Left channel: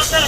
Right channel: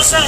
আসেন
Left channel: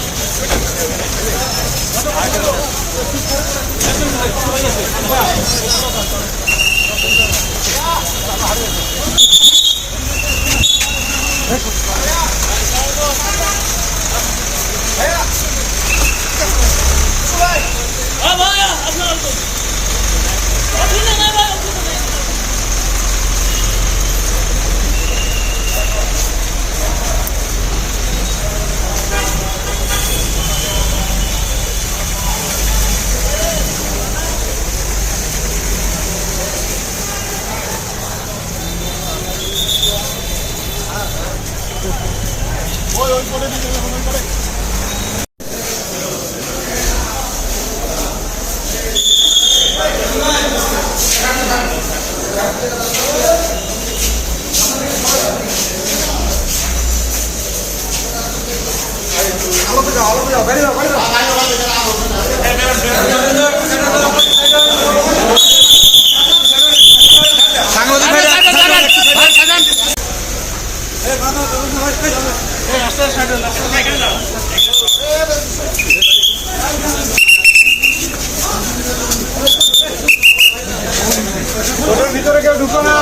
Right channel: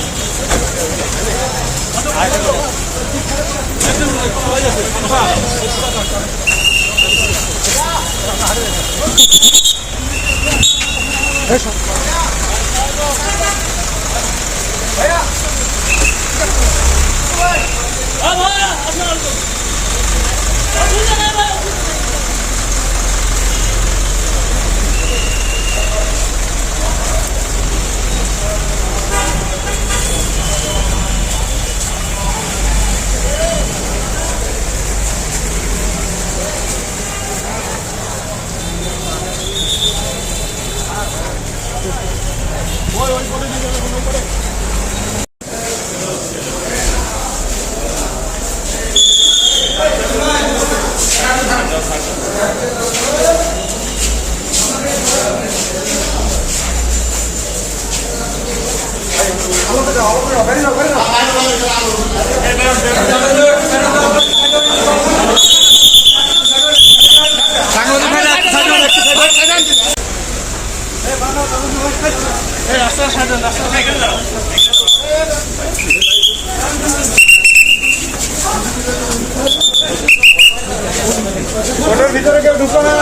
ওটার ভিতরে কেউ ঢুকো না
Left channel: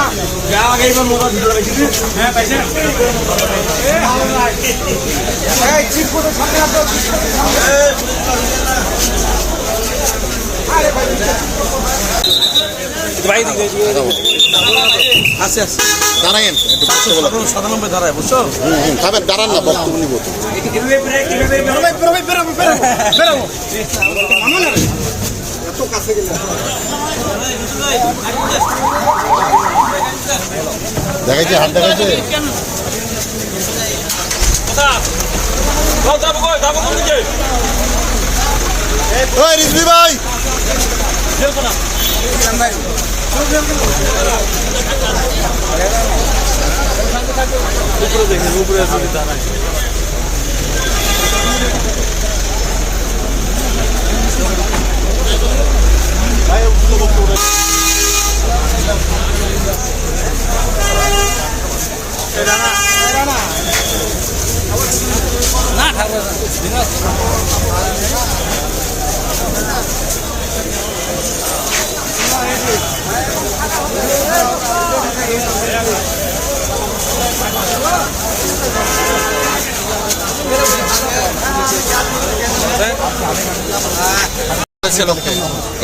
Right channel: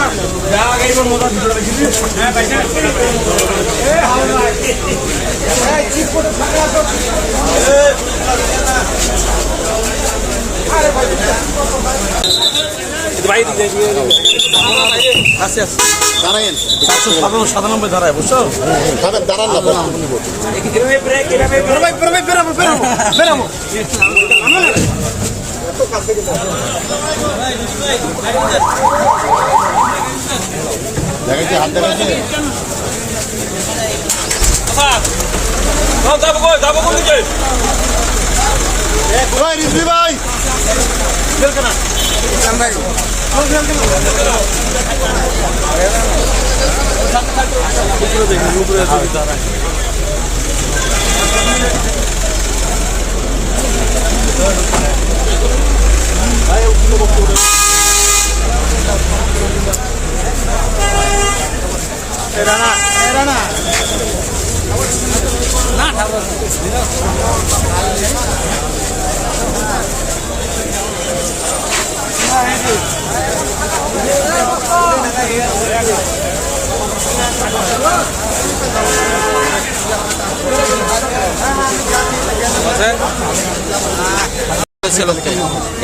সাতশো সাতান্ন সাতানব্বই ধারায় বুঝছ দাঁড়ান দেখাইছে হাত দেখাইছে ভাই উপরে দেখেন উপরে যদি দাঁড়ায় করেছে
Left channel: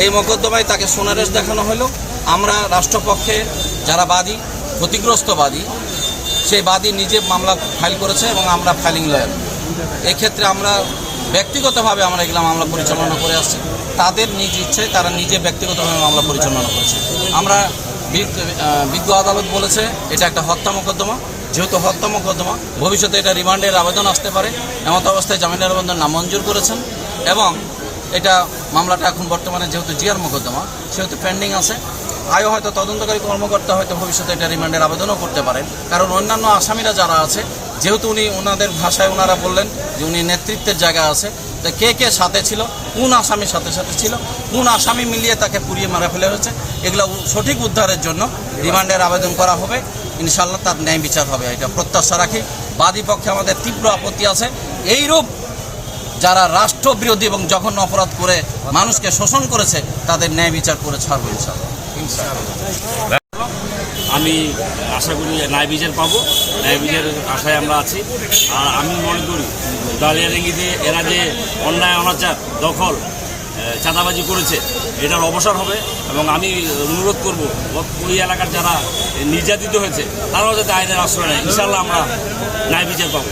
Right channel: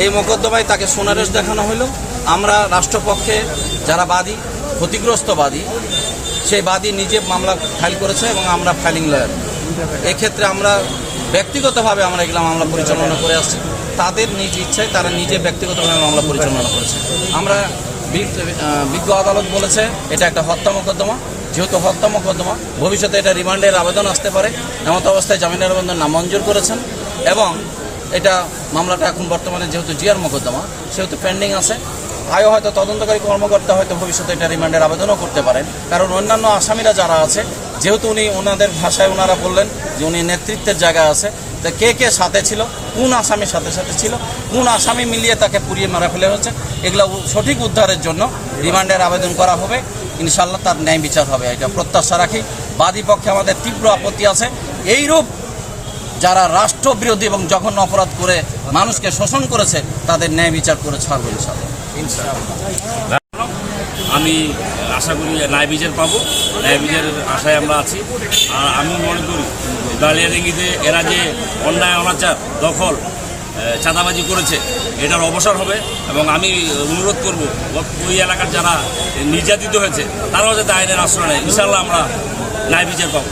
এই মোকদ্দমায় তাকে সোনারেশ দেখানো হলো। আমরা রাষ্ট্রপক্ষে যারা বাদী ক্ষতিগ্রস্ত বাদী সেই বাদী নিজে মামলা ফাইল করেছে এবং আমরা ফাইলিং লয়ার এক্ষেত্রে আমরা ব্যক্তিগতভাবে আমরা এগুলো মামলা পরিচালনা করে আসছি। তাদের নিজ ইচ্ছায় তারা নিজে ব্যক্তিগতভাবে মামলা পরিচালনা করেছে। আমরা বিজ্ঞ আদালত বলেছে, এটা একটা হত্যা মোকদ্দমা। যেহেতু হত্যা মোকদ্দমা, ভবিষ্যতে এটা রিমান্ডের আবেদন আসতে পারে। এমত অবস্থায় জামিনের আবেদন নামঞ্জুর করেছেন এবং এটা মামলাটা এখন বর্তমানে যেহেতু জিয়ার মোকদ্দমা, সেহেতু পেন্ডিং আছে। আয়ও হয়তো তদন্তকারী কর্মকর্তা হয়তো ভবিষ্যতে এটা রিমান্ডের আবেদনও করতে পারেন। কারণ অন্যান্য আসামিরা যারা আছে যেহেতু উনি ওনাদের ভাষায় ওনারা বললেন যে উনি নেতৃত্বের জায়গা আছে, তা কে কে সাথে ছিল, কোন আসামির সাথে সাথে ছিল, কোন আসামি মিলিয়ে তাকে পুড়িয়ে মারা ফেলে হয়েছে, এগুলো সঠিক উদ্ধারের জন্য রিমান্ডের আবেদন করা হবে। ইনশাল্লাহ তার ন্যায় বিচার হবে, এটা প্রত্যাশা রাখি। বাদী পক্ষে আমাদের তীব্র আপত্তি আছে। এইরূপ যারা রাষ্ট্রবিরোধী এবং জঘন্য অপরাধ করে মানুষকে শোষণ করেছে, তাদের ন্যায় বিচার করে ছাড়বো ইনশাল্লাহ আমি আশা করি ন্যায় বিচার পাবো। ন্যায় বিচারের আশায় আমরা আছি। আর আমি মনে করি দালিয়ারেঙ্গিতে এরা যে অন্যায়, অনাচার, দখল চাঁদাবাজি করেছে, এটার অবসর হবে এবং আমি অনুরোধ করব, ওই এলাকার যারা নির্যাতিত হয়েছে, তারাও যাতে আইনের আশ্রয় নেয়। ইনশাল্লাহ আমরা ন্যায় বিচার পাবো।